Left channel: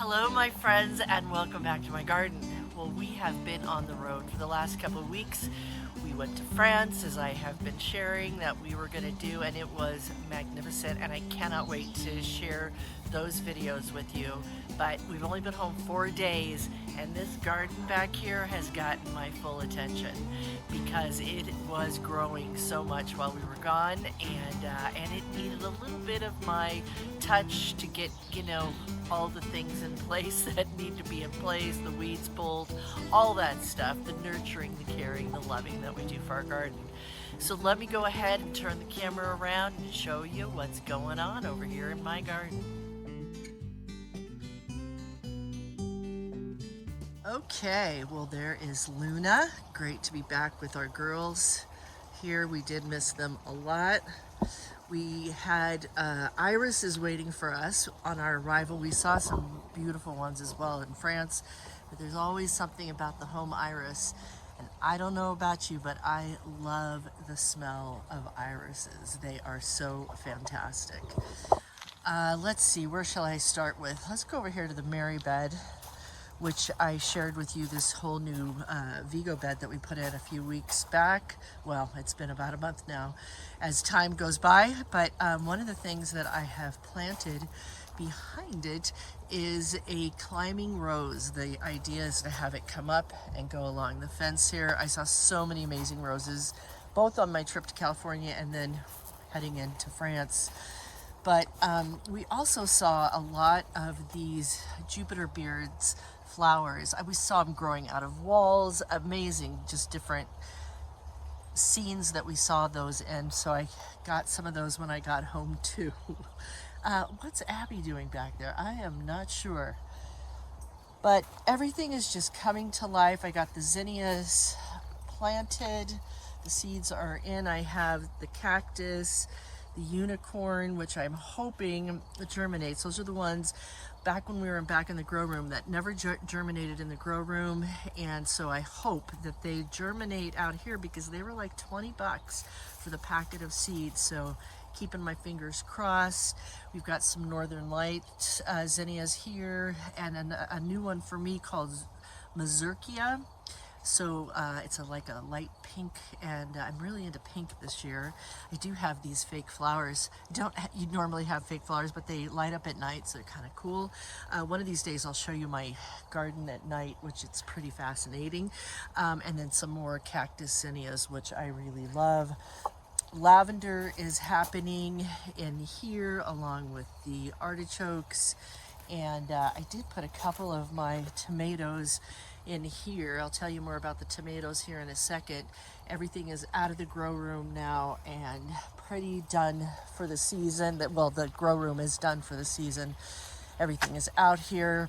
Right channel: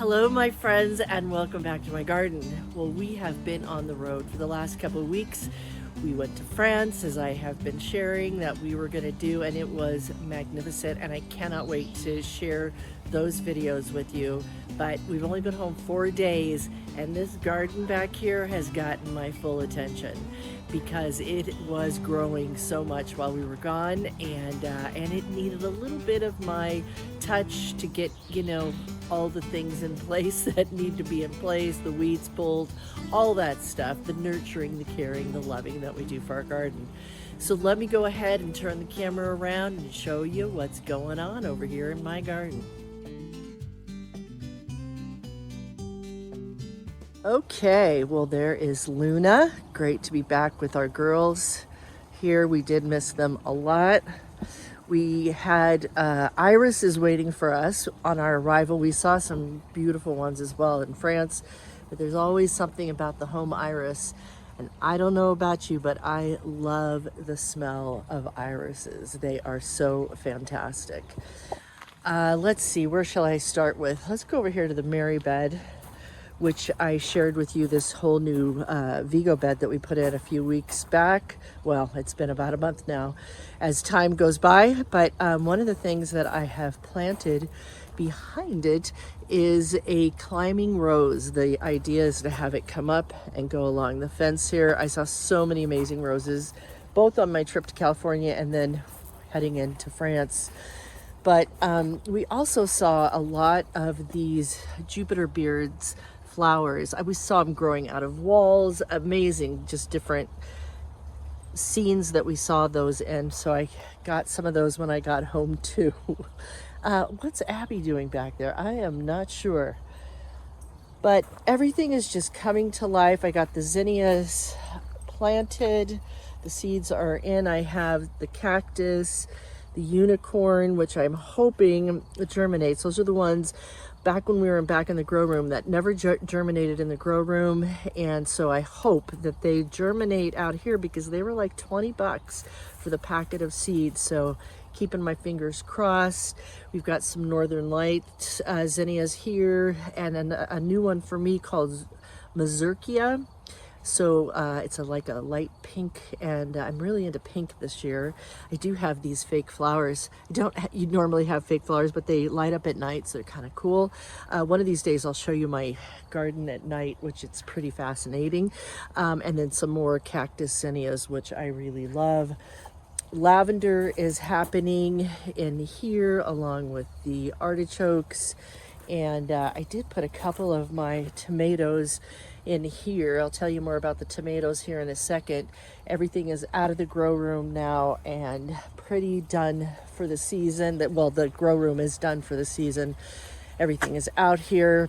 Hello, my friends, and welcome back to my garden. Well, we have been on the road for the last couple of weeks. We went to France, as I have been sharing that we were going to do, and it was magnificent. And I cannot wait to share those videos with you. But we've only been home 4 days, and this garden back here has gotten my full attention because it was growing so much while we were gone, and it needed a little bit of my touch to get all the things in place that need to be in place, the weeds pulled, all that stuff, the nurturing, the caring, the loving that we do for our garden. So let me go ahead and turn the camera around and show you what's going on over here in my garden. Okay, well, there is Luna. Great to be back with our girls here. We did miss them a lot. We had Iris is waiting for us on our arrival. We saw some beautiful ones as well in France, but there's always something about the home iris. And I don't know about you, but I love the smell of irises. They are so fantastic. Let's see, where shall I start with? Let's go over here to the Mary bed, which I shared with you, this whole new Vigo bed that we put in a few weeks back. Well, it's been about a month now as time goes by, but one of the things that I have planted behind it is a climbing rose. The idea is to have it come up and go along the fence here. I saw so many amazing roses, both on my trip to California and then heading into France. But we also saw a lot of these Jupiter beards flowers. We saw them growing out of walls. Amazing, just different scenes that we saw those in. So I got some of those when I got home too. What's Abby doing back there? I am not sure. But everything is just coming to life. I got the zinnias planted. The seeds are in. I have the cactus, the unicorn, which I'm hoping germinates. Those are the ones back when we were back in the grow room that never germinated in the grow room. And so I hope that they germinate out here because they were like 20 bucks for the packet of seeds. So keeping my fingers crossed. We've got some Northern Lights zinnias here, and a new one for me called Mazurkia. So it's like a light pink, and I'm really into pink this year. I do have these fake flowers. You normally have fake flowers, but they light up at night, so they're kind of cool. One of these days I'll show you my garden at night, which it's pretty fascinating. And then some more cactus zinnias, which I really love. Lavender is happening in here along with the artichokes. And I did put a couple of my tomatoes in here. I'll tell you more about the tomatoes here in a second. Everything is out of the grow room now and pretty done for the season. The grow room is done for the season. Everything is out here.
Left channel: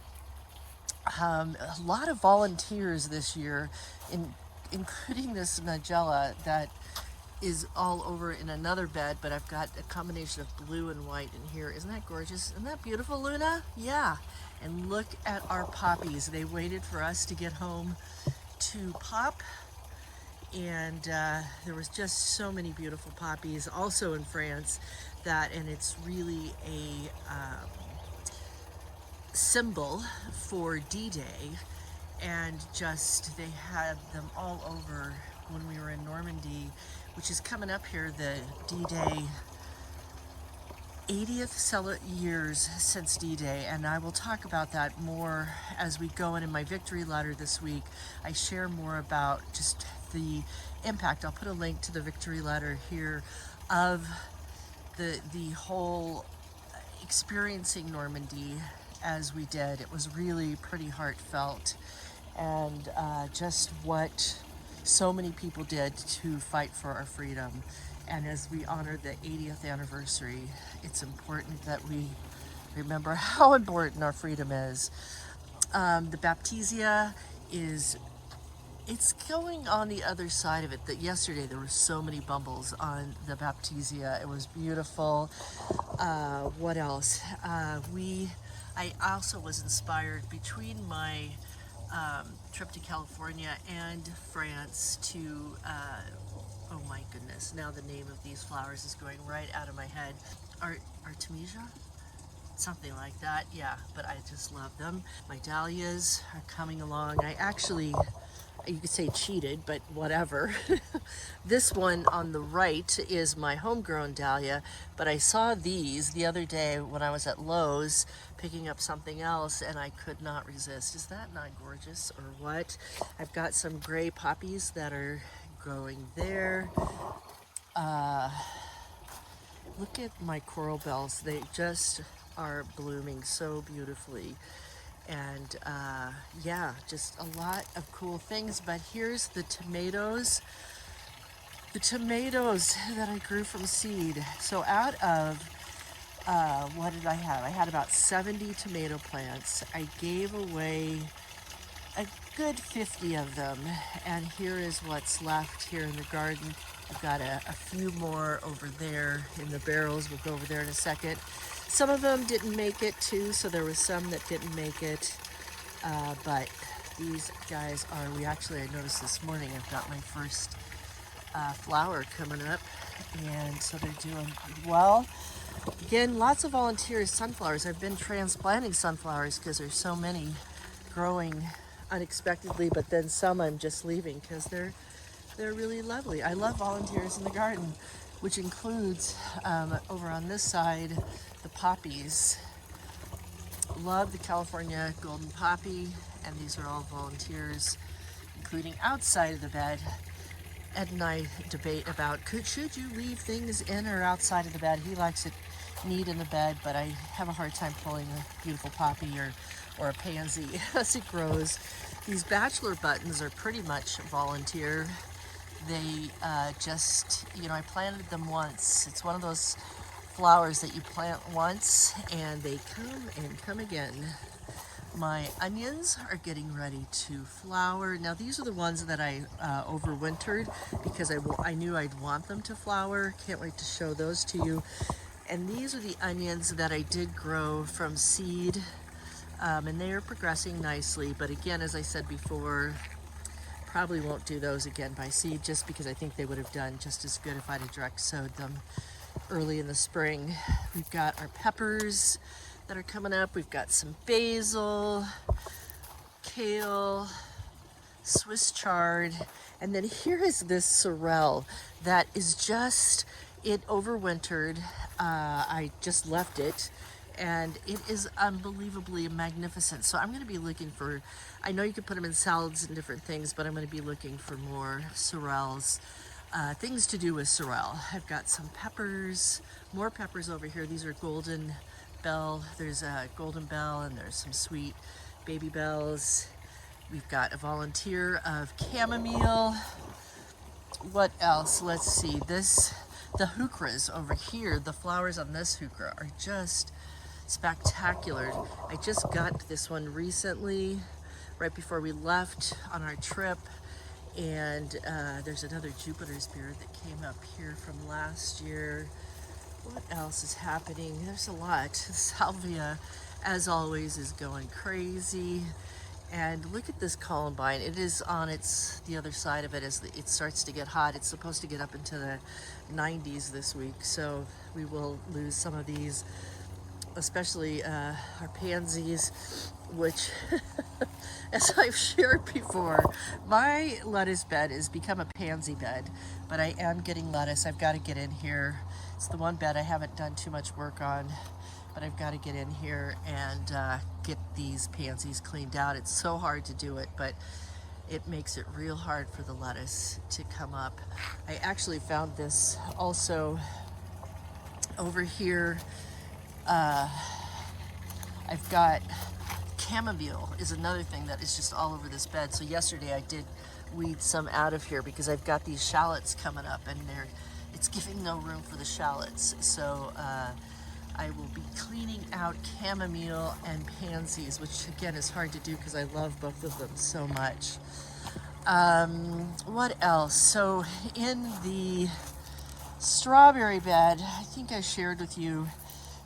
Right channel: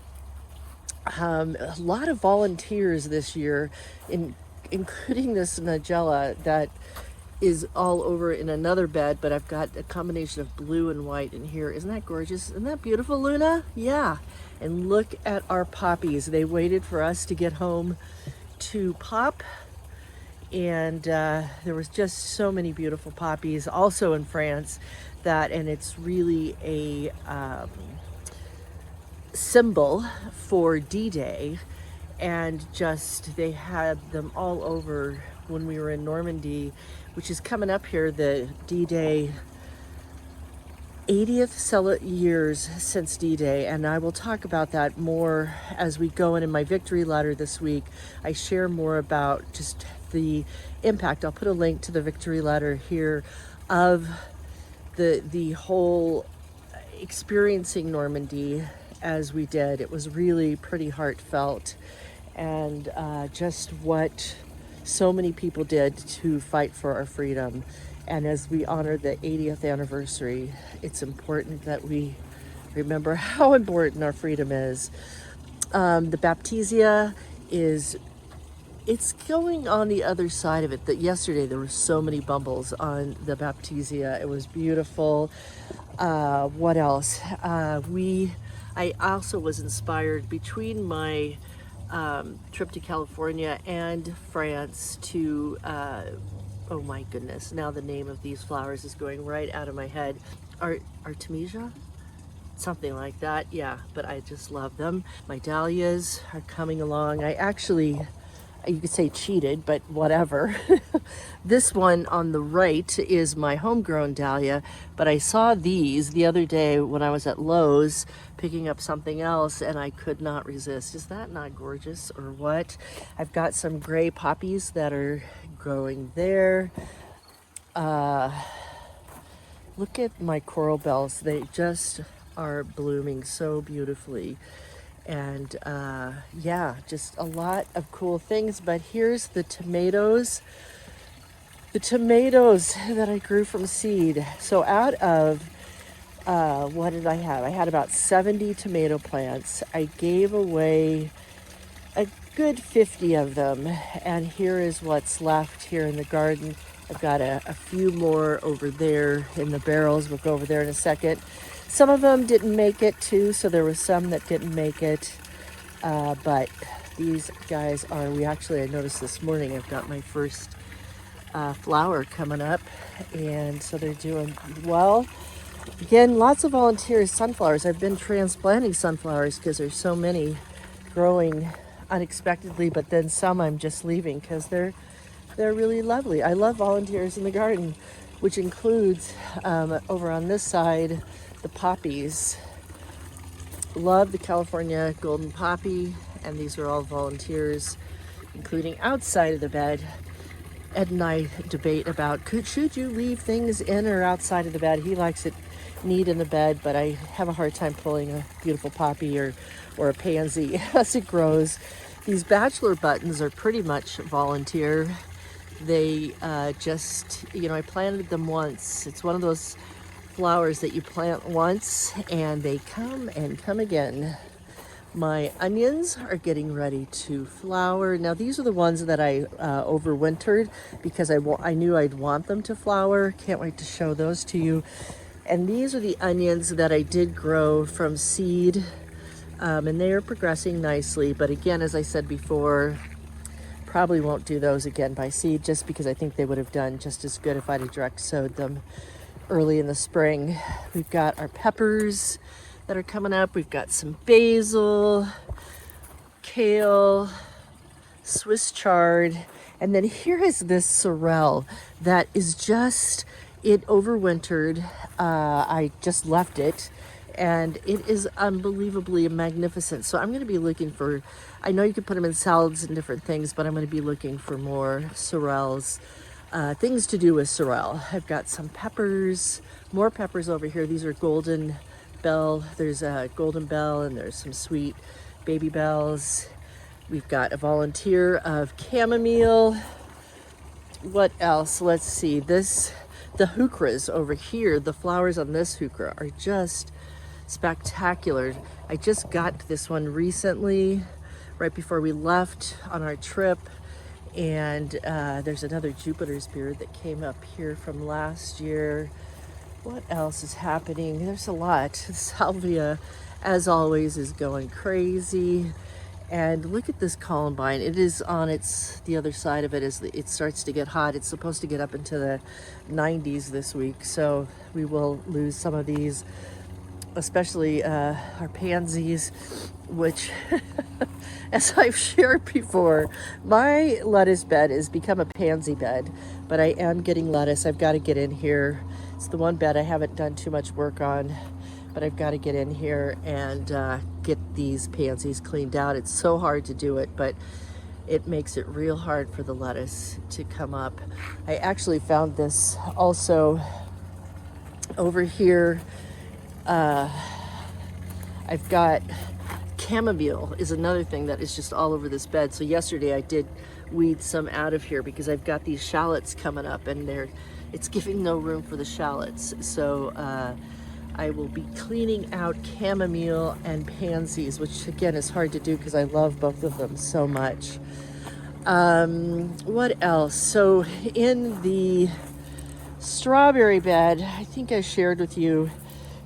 A lot of volunteers this year, including this Nigella that is all over in another bed, but I've got a combination of blue and white in here. Isn't that gorgeous? Isn't that beautiful, Luna? Yeah. And look at our poppies. They waited for us to get home to pop. And there was just so many beautiful poppies also in France and it's really a symbol for D-Day. And just, they had them all over when we were in Normandy, which is coming up here, the D-Day 80th years since D-Day, and I will talk about that more as we go in my victory letter this week. I share more about just the impact. I'll put a link to the victory letter here of the whole experiencing Normandy as we did. It was really pretty heartfelt, and just what so many people did to fight for our freedom. And as we honor the 80th anniversary, it's important that we remember how important our freedom is. The Baptisia it's going on the other side of it. That yesterday there were so many bumbles on the Baptisia. It was beautiful. What else? I also was inspired between my trip to California and France to oh my goodness, now the name of these flowers is going right out of my head. Artemisia? something like that. Yeah, but I just love them. My dahlias are coming along. I actually, you could say cheated, but whatever. This one on the right is my homegrown dahlia, but I saw these the other day when I was at Lowe's picking up something else, and I could not resist. Is that not gorgeous or what? I've got some gray poppies that are growing there. Look at my coral bells. They just are blooming so beautifully. And yeah, just a lot of cool things. But here's the tomatoes. The tomatoes that I grew from seed. So out of, what did I have? I had about 70 tomato plants. I gave away a good 50 of them. And here is what's left here in the garden. I've got a few more over there in the barrels. We'll go over there in a second. Some of them didn't make it too, so there was some that didn't make it. But these guys are, I noticed this morning I've got my first flower coming up, and so they're doing well. Again, lots of volunteers. Sunflowers. I've been transplanting sunflowers because there's so many growing unexpectedly, but then some I'm just leaving because they're really lovely. I love volunteers in the garden, which includes over on this side the poppies. Love the California golden poppy, and these are all volunteers, including outside of the bed. Ed and I debate about should you leave things in or outside of the bed. He likes it neat in the bed, but I have a hard time pulling a beautiful poppy or a pansy as it grows. These bachelor buttons are pretty much volunteer. They just, I planted them once. It's one of those flowers that you plant once and they come and come again. My onions are getting ready to flower. Now these are the ones that I overwintered because I knew I'd want them to flower. Can't wait to show those to you. And these are the onions that I did grow from seed, and they are progressing nicely. But again, as I said before, probably won't do those again by seed just because I think they would have done just as good if I'd have direct sowed them early in the spring. We've got our peppers that are coming up. We've got some basil, kale, Swiss chard, and then here is this sorrel that is just, it overwintered. I just left it and it is unbelievably magnificent. So I'm going to be looking for, I know you can put them in salads and different things, but I'm going to be looking for more sorrels. Things to do with sorrel. I've got some peppers, more peppers over here. These are golden bell. There's a golden bell and there's some sweet baby bells. We've got a volunteer of chamomile. What else? Let's see. The heucheras over here, the flowers on this heuchera are just spectacular. I just got this one recently, right before we left on our trip. And there's another Jupiter's beard that came up here from last year. What else is happening? There's a lot. Salvia, as always, is going crazy. And look at this columbine. It is on the other side of it as it starts to get hot. It's supposed to get up into the 90s this week, so we will lose some of these, especially our pansies, which as I've shared before, my lettuce bed has become a pansy bed, but I am getting lettuce. I've got to get in here. It's the one bed I haven't done too much work on, but I've got to get in here and get these pansies cleaned out. It's so hard to do it, but it makes it real hard for the lettuce to come up. I actually found this also over here. I've got chamomile is another thing that is just all over this bed. So yesterday I did weed some out of here because I've got these shallots coming up and it's giving no room for the shallots. So I will be cleaning out chamomile and pansies, which again is hard to do because I love both of them so much. What else? So in the strawberry bed, I think I shared with you,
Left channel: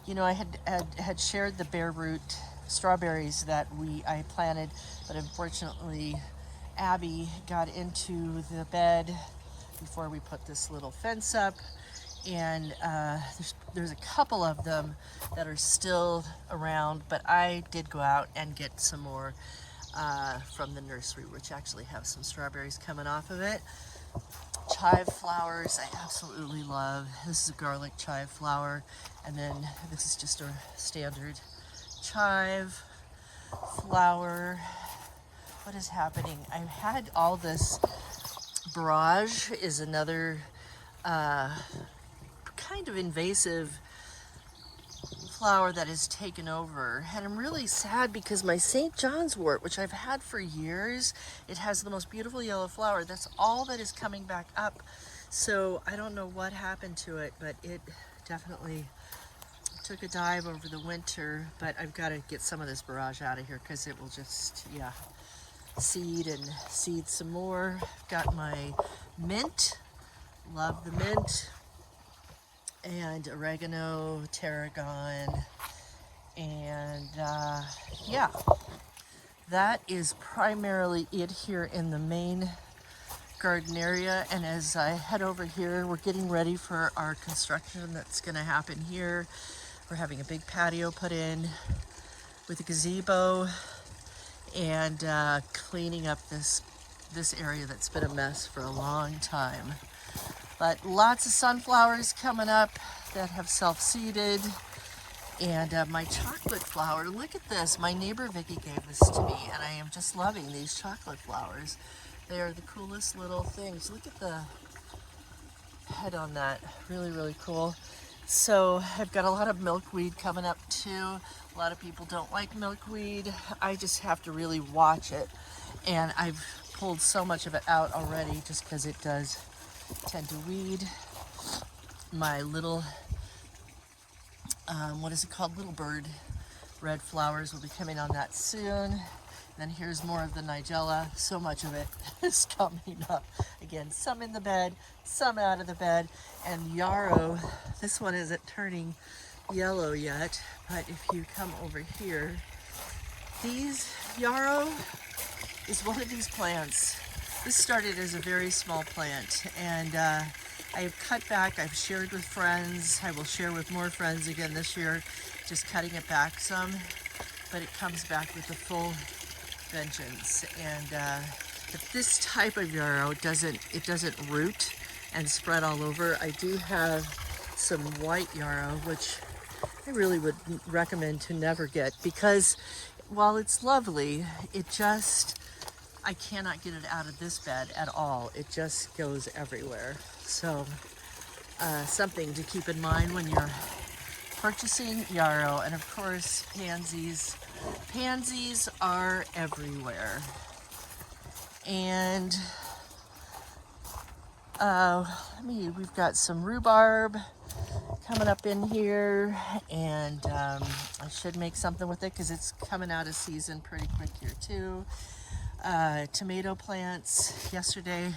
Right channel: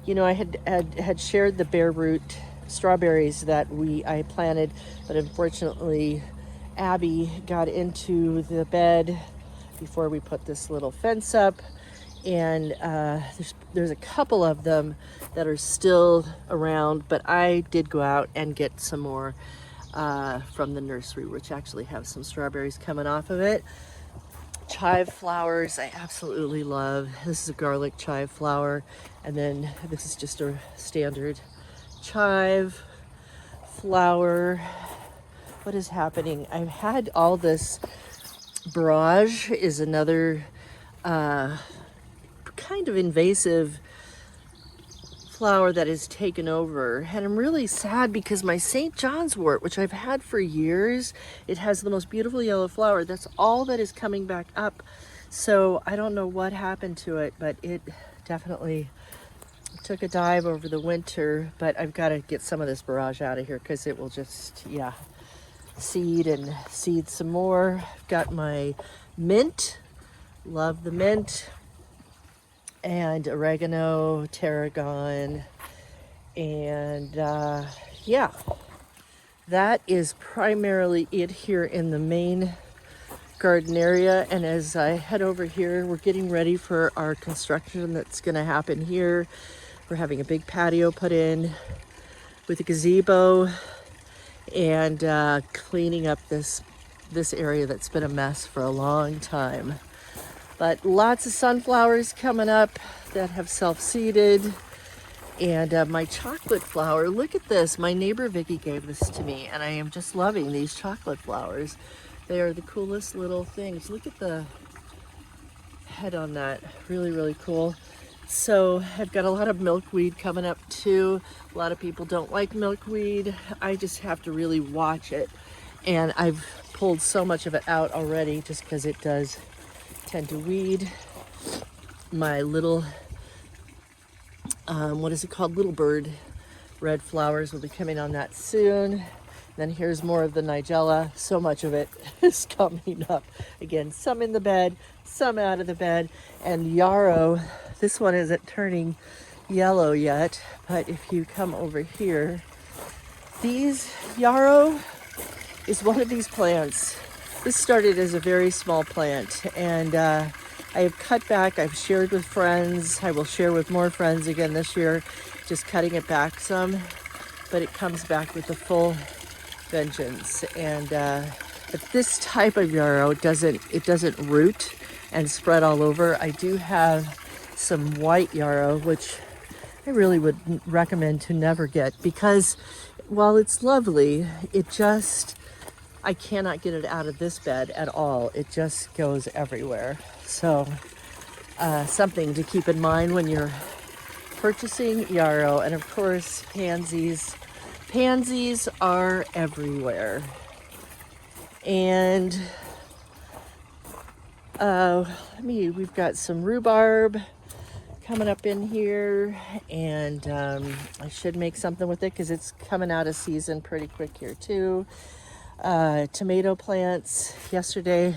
I had shared the bare root strawberries that I planted, but unfortunately Abby got into the bed before we put this little fence up, and there's a couple of them that are still around, but I did go out and get some more from the nursery, which actually have some strawberries coming off of it. Chive flowers I absolutely love. This is a garlic chive flower, and then this is just a standard chive flower. What is happening? I've had all this. Barrage is another kind of invasive flower that has taken over, and I'm really sad because my St. John's wort, which I've had for years, it has the most beautiful yellow flower. That's all that is coming back up. So I don't know what happened to it, but it definitely took a dive over the winter. But I've got to get some of this barrage out of here because it will just, yeah, seed and seed some more. I've got my mint, love the mint, and oregano, tarragon, and yeah, that is primarily it here in the main garden area. And as I head over here, we're getting ready for our construction that's going to happen here. We're having a big patio put in with a gazebo, and cleaning up this area that's been a mess for a long time. But lots of sunflowers coming up that have self-seeded. And my chocolate flower, look at this. My neighbor Vicky gave this to me, and I am just loving these chocolate flowers. They are the coolest little things. Look at the head on that. Really, really cool. So I've got a lot of milkweed coming up too. A lot of people don't like milkweed. I just have to really watch it. And I've pulled so much of it out already just because it does tend to weed. My little, what is it called? Little bird red flowers will be coming on that soon. Then here's more of the nigella. So much of it is coming up. Again, some in the bed, some out of the bed. And yarrow, this one isn't turning yellow yet, but if you come over here, these yarrow is one of these plants. This started as a very small plant, and I have cut back. I've shared with friends. I will share with more friends again this year, just cutting it back some, but it comes back with a full vengeance. And but this type of yarrow doesn't root and spread all over. I do have some white yarrow, which I really would recommend to never get, because while it's lovely, it just, I cannot get it out of this bed at all. It just goes everywhere. So something to keep in mind when you're purchasing yarrow. And of course, pansies. Pansies are everywhere. And we've got some rhubarb coming up in here, and I should make something with it because it's coming out of season pretty quick here too. Tomato plants. Yesterday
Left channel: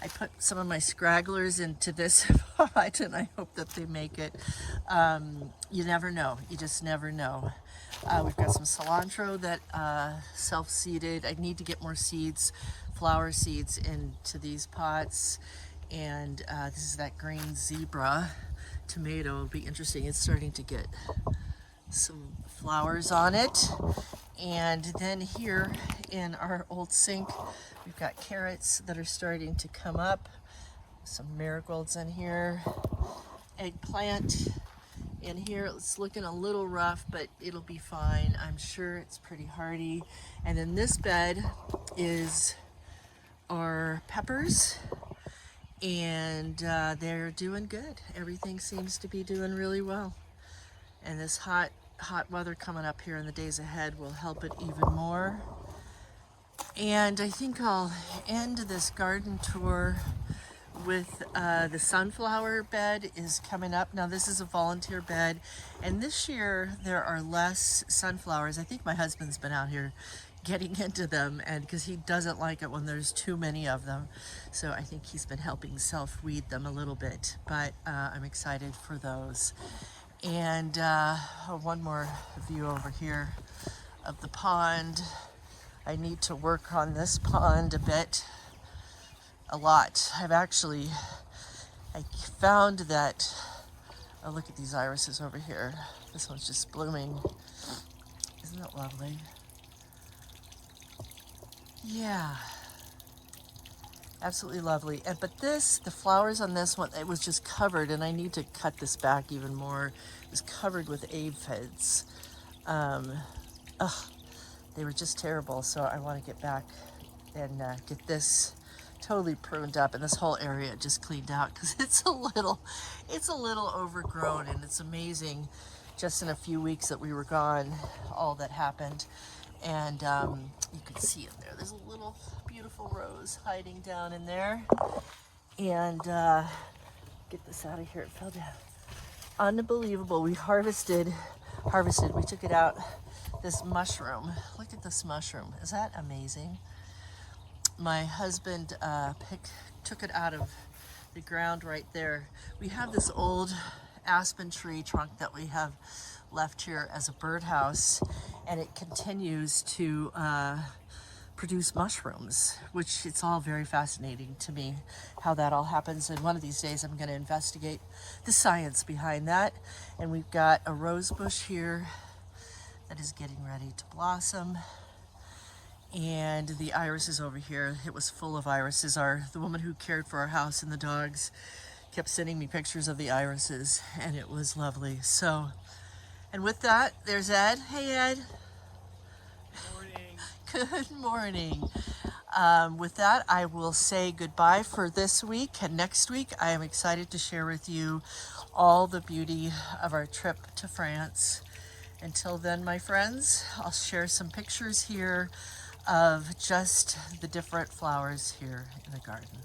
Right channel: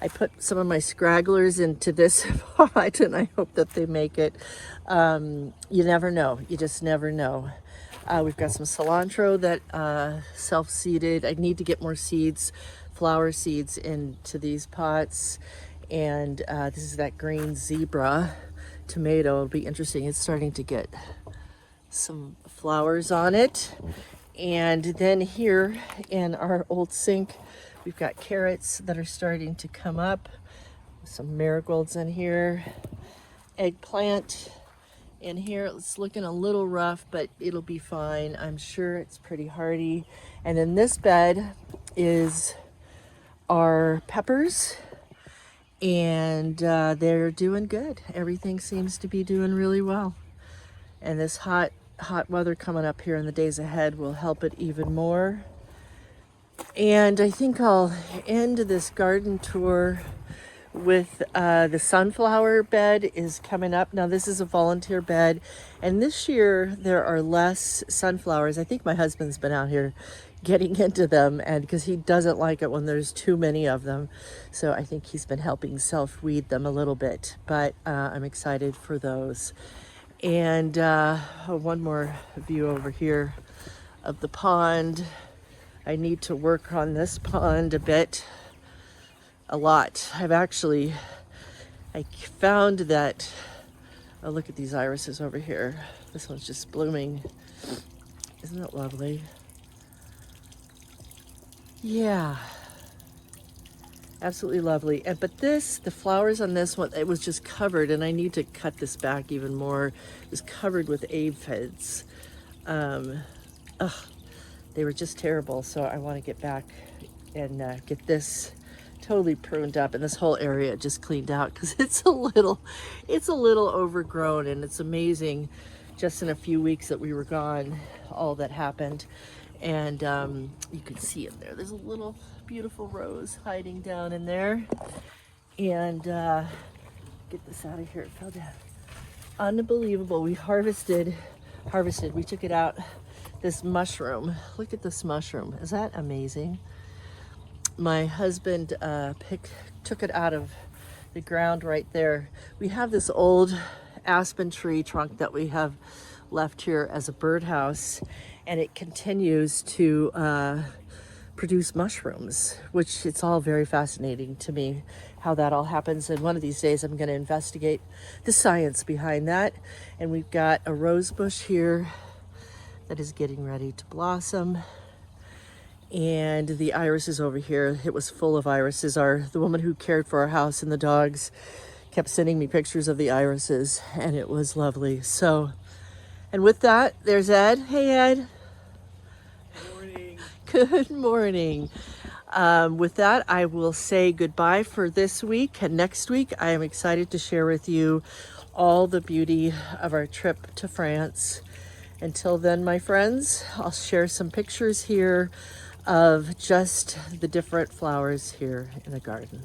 I put some of my scragglers into this pot, and I hope that they make it. You never know. You just never know. We've got some cilantro that self-seeded. I need to get more seeds, flower seeds, into these pots. And this is that green zebra tomato. It'll be interesting. It's starting to get some flowers on it. And then here in our old sink, we've got carrots that are starting to come up. Some marigolds in here. Eggplant in here. It's looking a little rough, but it'll be fine. I'm sure it's pretty hardy. And in this bed is our peppers, and they're doing good. Everything seems to be doing really well. And this hot weather coming up here in the days ahead will help it even more. And I think I'll end this garden tour with the sunflower bed is coming up. Now this is a volunteer bed, and this year there are less sunflowers. I think my husband's been out here getting into them, and because he doesn't like it when there's too many of them. So I think he's been helping self-weed them a little bit, but I'm excited for those. And one more view over here of the pond. I need to work on this pond a lot. I've actually I found that, oh, look at these irises over here. This one's just blooming. Isn't that lovely? Yeah, absolutely lovely. And but this, the flowers on this one, it was just covered, and I need to cut this back even more. It was covered with aphids. Um, ugh, they were just terrible. So I want to get back and get this totally pruned up, and this whole area just cleaned out because it's a little overgrown, and it's amazing. Just in a few weeks that we were gone, all that happened. And you can see in there, there's a little beautiful rose hiding down in there. And get this out of here, it fell down. Unbelievable. We harvested, we took it out, this mushroom. Look at this mushroom. Is that amazing? My husband took it out of the ground right there. We have this old aspen tree trunk that we have left here as a birdhouse, and it continues to produce mushrooms, which it's all very fascinating to me how that all happens. And one of these days I'm going to investigate the science behind that. And we've got a rose bush here that is getting ready to blossom. And the irises over here, it was full of irises. The woman who cared for our house and the dogs kept sending me pictures of the irises, and it was lovely. So, and with that, there's Ed. Hey, Ed. Good morning. Good morning. With that, I will say goodbye for this week. And next week, I am excited to share with you all the beauty of our trip to France. Until then, my friends, I'll share some pictures here of just the different flowers here in the garden.